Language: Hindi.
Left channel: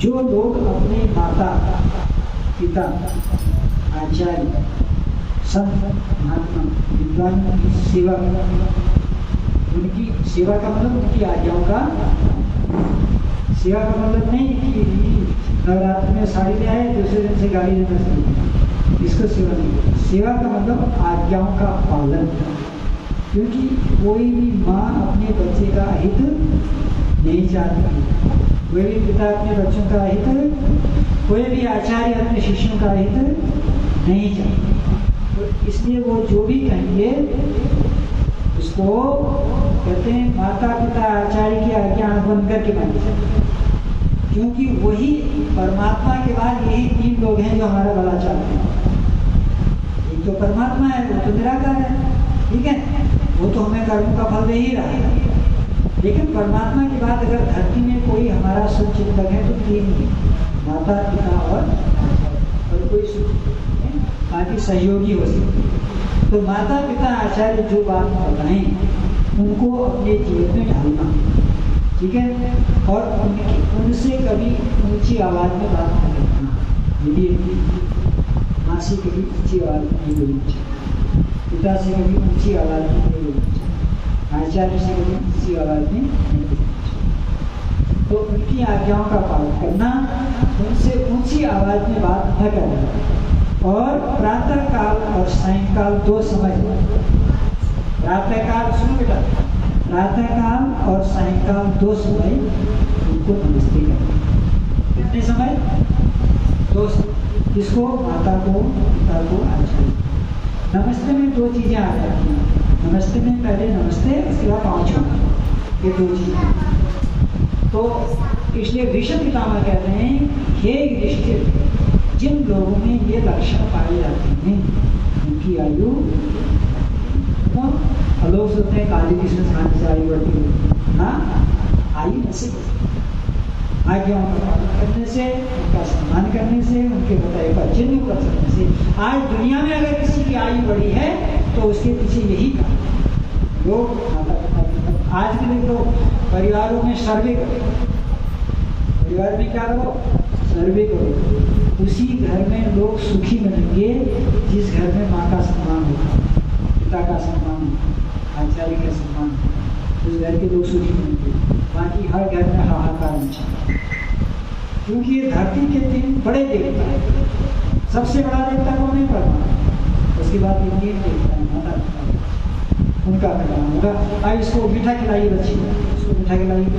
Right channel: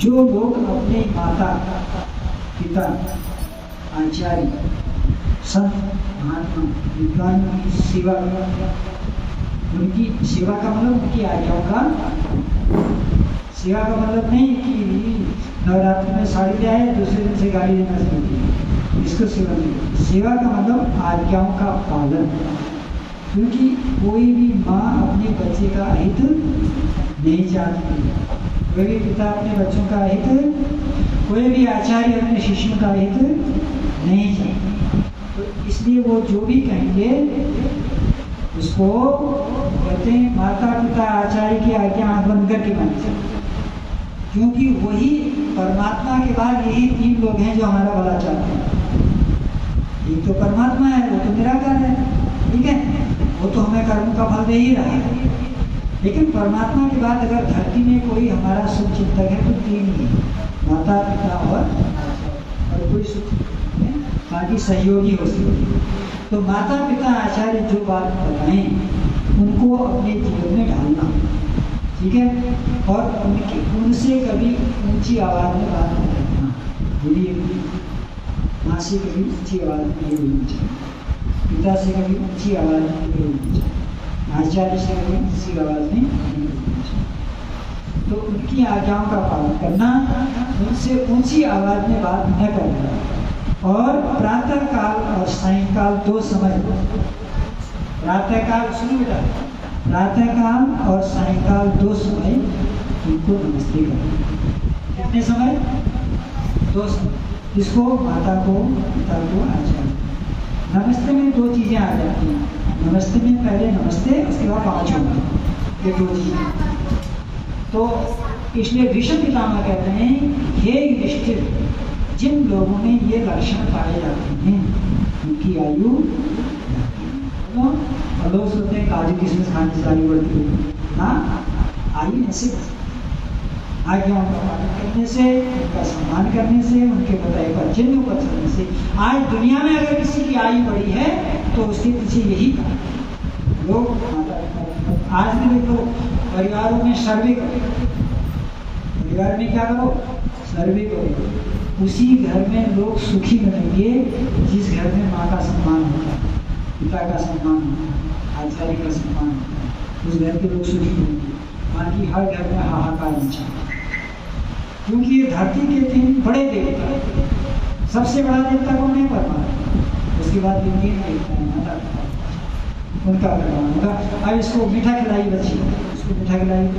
जो लोग अपने माता पिता आचार्य संत महात्मा विद्वानों की सेवा, उनकी सेवा का मतलब उनकी आज्ञाओं का, सेवा का मतलब नहीं कि नवरात्र में साड़ी ले आए दूसरे दिन से गाली देना शुरू किया, इसको सेवा नहीं करती। सेवा का मतलब आज्ञाओं का पालन, क्योंकि कोई भी माँ अपने बच्चे का अहित नहीं चाहती, कोई भी पिता अपने बच्चों का अहित, कोई भी आचार्य अपने शिष्यों का अहित नहीं चाहते। तो इसलिए वो जो भी कहेंगे उसको कहते हैं माता पिता आचार्य की आज्ञा आंख बंद करके माननी चाहिए, क्योंकि वही परमात्मा के बाद यही तीन लोग हैं जो हमारा भला चाहते हैं। एक तो परमात्मा है, वो तो निराकार है, ठीक है, वो तो हमें कर्म का फल दे ही रहा है। लेकिन परमात्मा के बाद अगर धरती में कोई हमारा शुभचिंतक है तो तीन ही, माता पिता और कोई शुभचिंतक है, बाकी सहयोगी हो सकते हैं। तो माता पिता आचार्य जो बात बताएं उनको अपने जीवन में ढालना, ठीक है, और उनसे कभी ऊंची आवाज में बात न करना। यदि माँ से कभी ऊंची आवाज में नहीं बोलनी चाहिए, पिता से कभी ऊंची आवाज में नहीं बोलनी चाहिए, आचार्य से कभी ऊंची आवाज में नहीं बोलनी चाहिए। तो उनकी आज्ञाओं का पालन करना, उनसे ऊंची आवाज में बात न करना, और प्रातः काल और सायंकाल दो समय, प्रातः काल सुनो बेटा, प्रातः काल और सायंकाल दो समय उनको नमस्ते करना। कितने समय? दो समय। किसको? माता को, पिता को, आचार्य। नमस्ते में दो चीजें आ जाती हैं, नमस्ते में पहले नमस्ते, उसके बाद पाँच होंगे, ये दो चीजें। तो इसलिए भीष्म पितामह कहते हैं हे युधिष्ठिर, जिन लोगों में ये लक्षण पाए जाते हैं उनकी आयु, तो लोग सोचते हैं काजू किशमिश खाने से आयु बढ़ती हुई ना, आयु ऐसे आज्ञाओं का पालन करने से, उनका सम्मान करने से, उनके बताए पर चिन्ह पर चलने से। आज दुनिया में अगर किसी की आयु बढ़ी है तो उसके पीछे यही कारण, लोग माता पिता। आज भी देख लो परिवारों में सर्वे करो, परिवार में क्या करो? सर्वे करो। उसी घर में लोग सुखी बनेंगे जिस घर में माँ का सम्मान होता है, पिता का सम्मान होता है, आचार्य का सम्मान होता है, उस घर के लोग सुखी बनेंगे। बाकी हर घर में हाहाकार मचा, क्योंकि ये धरती के तीन बड़े देवता हैं। सबसे बड़ा देवता कौन है? परमात्मा। उसके बाद ये तीन देवता है, माता पिता, उनका करना होगा। अब इसको मीठा खिलाइए बच्ची, इसको मीठा खिलाइए।